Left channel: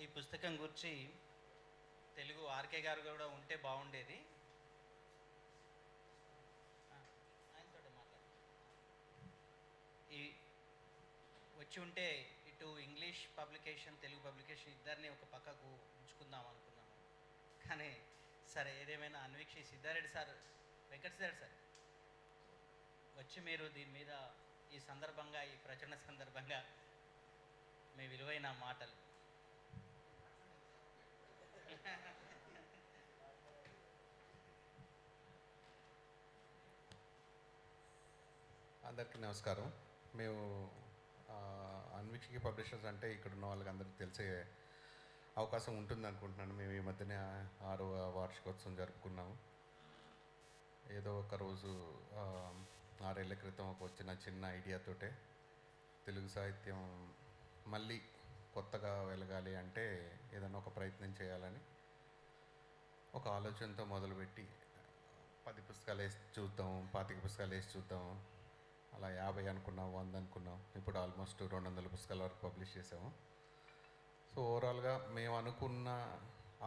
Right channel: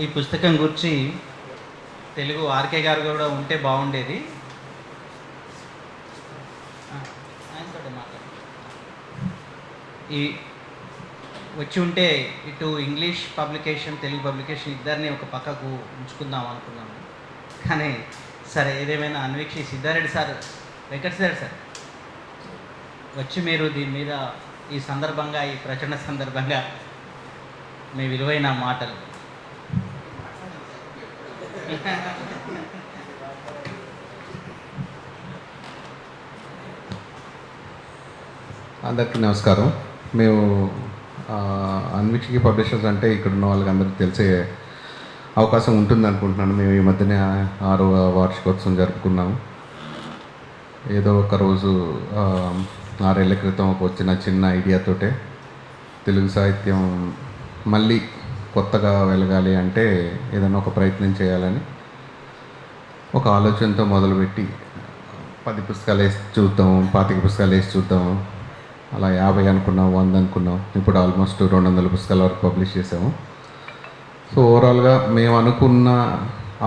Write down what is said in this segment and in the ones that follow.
ఈ పుస్తకం గురించి తెలుగు ఆర్కే గారు కూడా ఉంటే బాగుండేది. ఆయనతోటే మాట్లాడు. ఈ వచ్చి ఉంటే ఇటు ఇంగ్లీష్ పబ్లికేషన్, తెలుగు పబ్లికేషన్ ఇద్దరిని ఒక పక్కకు ఉంచుకుందాం అనుకున్నాము. కానీ సరే, ఏదేమైనా అన్వీక్షి సిద్ధారెడ్డి సార్, వెంకట సార్ వచ్చి మీరు దీని మీద ఈ సందర్భంగా, ఈ ప్రచురణ సందర్భంగా మీ విలువైన మాటలు. అందరికీ నమస్కారం. మేము అన్వీక్షకి పబ్లిషర్స్ అంటే ఇక్కడ ఉన్న వాళ్ళకి అందరికీ తెలిసే అవకాశం ఉంటుంది అనుకుంటున్నాను. మేము ఈ మధ్యనే 6వ వార్షికోత్సవం జరుపుకున్నాము. ఏదో ఒక రోజు 6 ఏళ్ల క్రితం వచ్చిన చిన్న ఐడియాతోటే తెలుగు సాహిత్యం మళ్ళీ కొత్తగా వెలగాలి అంటే ఏదైనా ఒక ప్రయత్నం చేయాలని ఒక ఆలోచనతో మొదలుపెట్టి 10 పుస్తకాలు వేసి చూద్దాం, 25 పుస్తకాలు వేసి చూద్దాం, అలా 50 అనుకున్నాం, 100 అనుకున్నాం. ఇప్పుడు ఆల్మోస్ట్ 200 పుస్తకాల వరకు పబ్లిష్ చేసాము. సో ఓవరాల్గా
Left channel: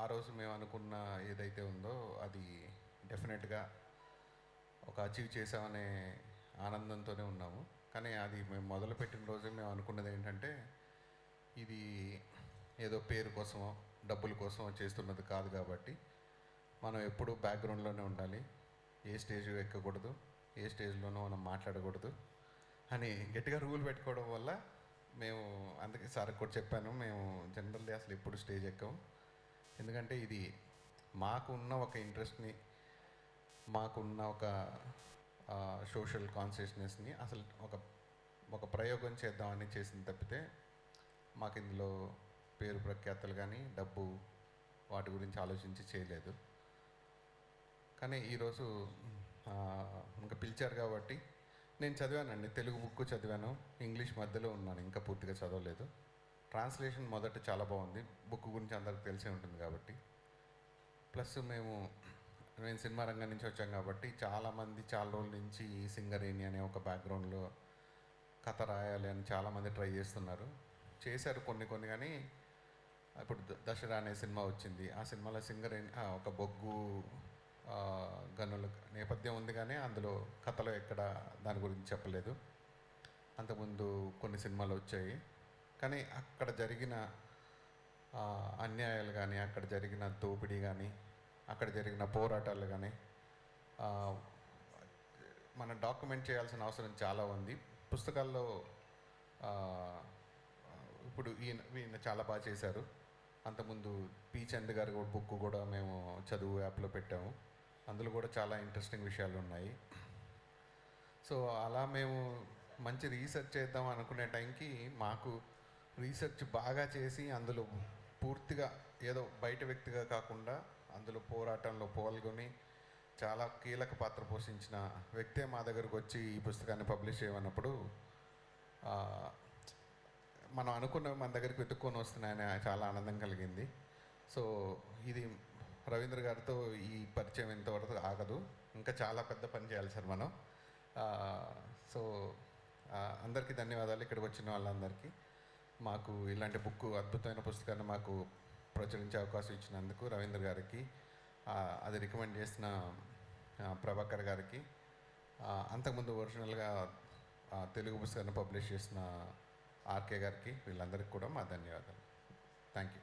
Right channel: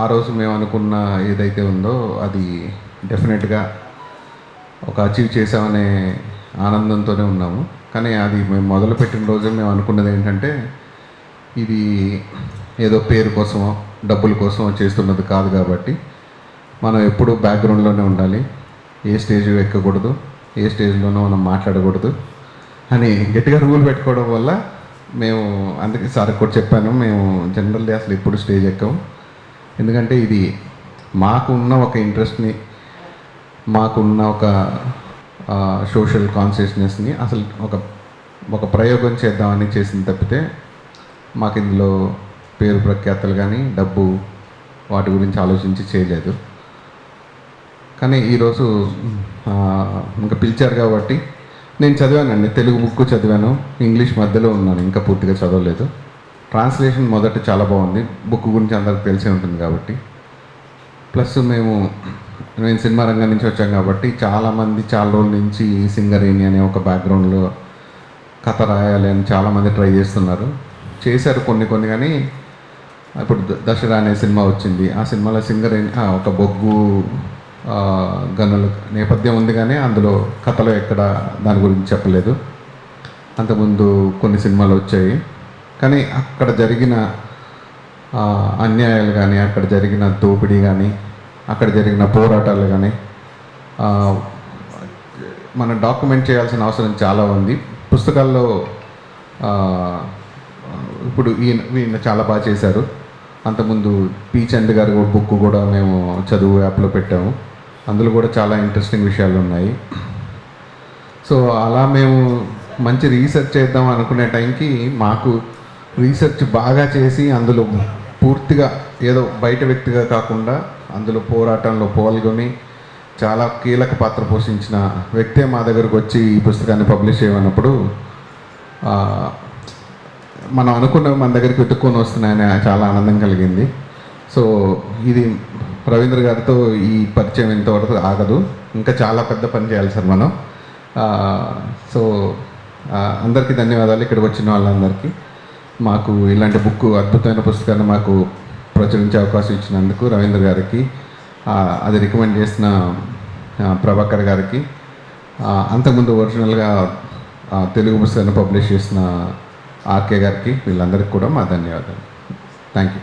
ఆ రోజు మేము అనుకున్న ఏదైతే ఉందో అది డెఫినెట్గా ఒక అచీవ్ చేసామనే ఆనందంతోనే ఉన్నాము. కానీ అది మేము మొదలుపెట్టిన రోజే మేము అనుకున్నది ఏంటంటే, ఇది ఏదో పేరు కోసమో డబ్బుల కోసమో చేస్తున్నది కాదు. కాబట్టి మనం ఎప్పుడూ బ్యాక్గ్రౌండ్లోనే ఉండాలి, ఏ స్టేజ్ ఎక్కకూడదు, ఏ స్టేజ్లోనూ మనం మాట్లాడకూడదు అని గట్టిగా రూల్ పెట్టుకోవడం వల్ల మేము, అందుకే సార్ కూడా చెప్పాను, మేము జనరల్లీ అసలు ఎప్పుడు స్టేజ్ ఎక్కాము. ఎందుకంటే ఇది మాకున్న ఒక ఇంట్రెస్ట్ని, మాకున్న ఒక సోషల్ కాన్షియస్నెస్ని అసలు ఒక ప్రయోగం చేద్దామని చేసింది తప్పితే మాకు ఇందులో పేరు ప్రఖ్యాతలు కానీ డబ్బు వాటి గురించి ఆలోచించి చేయలేదు. కానీ ఈరోజు ఇంకా పిలిచారు కాబట్టి నేను చదివానండి. తెలుగు బుక్ చదివాను, ఇంగ్లీష్ మధ్యలో ఉన్నాను, ఇంకా పూర్తిగా చదవలేదు. ట్రాన్స్లేషన్ మొదట చాలా బాగుంది, బుక్ గురించి అందరికి తెలిసే ఉంటుంది కాబట్టి. ప్లస్ నేను సినిమా రంగం నుంచి వచ్చాను కాబట్టి చాలామంది చాలా రోజుల నుంచి సింగరేణి అనే ఒక బ్యాక్గ్రౌండ్లో కథ రాయాలి అని చాలామంది ట్రై చేశారు కొన్ని కానీ ఇప్పుడు దసరా అనే సినిమా వచ్చింది. ఆ సినిమాలో సింగరేణి ఒక బొగ్గు గనుల నేపథ్యం ఉంది, కానీ అందులో కథలో ఎక్కడ దాని గురించి చెప్పలేదు. అంతకుముందు కొన్ని సినిమాలు వచ్చాయి, కానీ అక్కడ జరిగిన అన్యాయాలు కానీ, అక్కడ జరిగిన దోపిడీ కానీ, అక్కడ జరిగిన పోరాటాలు కానీ మనం డాక్యుమెంట్ చేయాల్సిన అవసరం చాలా ఉంది. పుస్తకాల్లో ఇప్పుడు ఈయన చాలా బాగా చేశారు. అంతకుముందు పి చంద్ గారి బుక్ కూడా మేము చదువు యాప్లో పెట్టాము. అందులో కూడా చాలా ఇంట్రెస్టింగ్ విషయాలు ఉన్నాయి. సో అలా మేము మంచి రీసెర్చ్ చేద్దాం అనుకునే టైంకి మాకు రీసెర్చ్ బాగా చేసి అందులో పూర్తిగా ఏదో బయట వ్యక్తిగా కాకుండా అందులో పోరాటంలో పాల్గొని చాలా కీలక పాత్ర పోషించిన వ్యక్తే మా దగ్గరకు వచ్చి ఈ పుస్తకాన్ని పబ్లిష్ చేయమన్నప్పుడు మనం అనుకున్నవి మన దగ్గరికి వెతుక్కొని వస్తున్నాయని చాలా ఆనందం కలిగింది. సో ఇది రవీంద్ర గారితో ఈ పరిచయం ఇంతవరకు ఆగదు, ఇంకా చాలా పెద్ద పని చేయాలి సార్ మనం. సో అందరికీ ధన్యవాదాలు, ఇక్కడికి వచ్చిన వాళ్ళందరికీ. మాకు ఇలాంటి బుక్, అద్భుతమైన పుస్తకాన్ని మాకు ప్రచురించే అవకాశం ఇచ్చినందుకు రవీంద్ర గారికి, అది రికమెండ్ చేసిన ప్రభాకర్ గారికి, అంతకుముందు ఒరిజినల్గా తెలుగు పుస్తకాన్ని పబ్లిష్ చేసిన ఆర్కే గారికి, వీళ్ళందరికీ కూడా మా ధన్యవాదాలు. Thank you.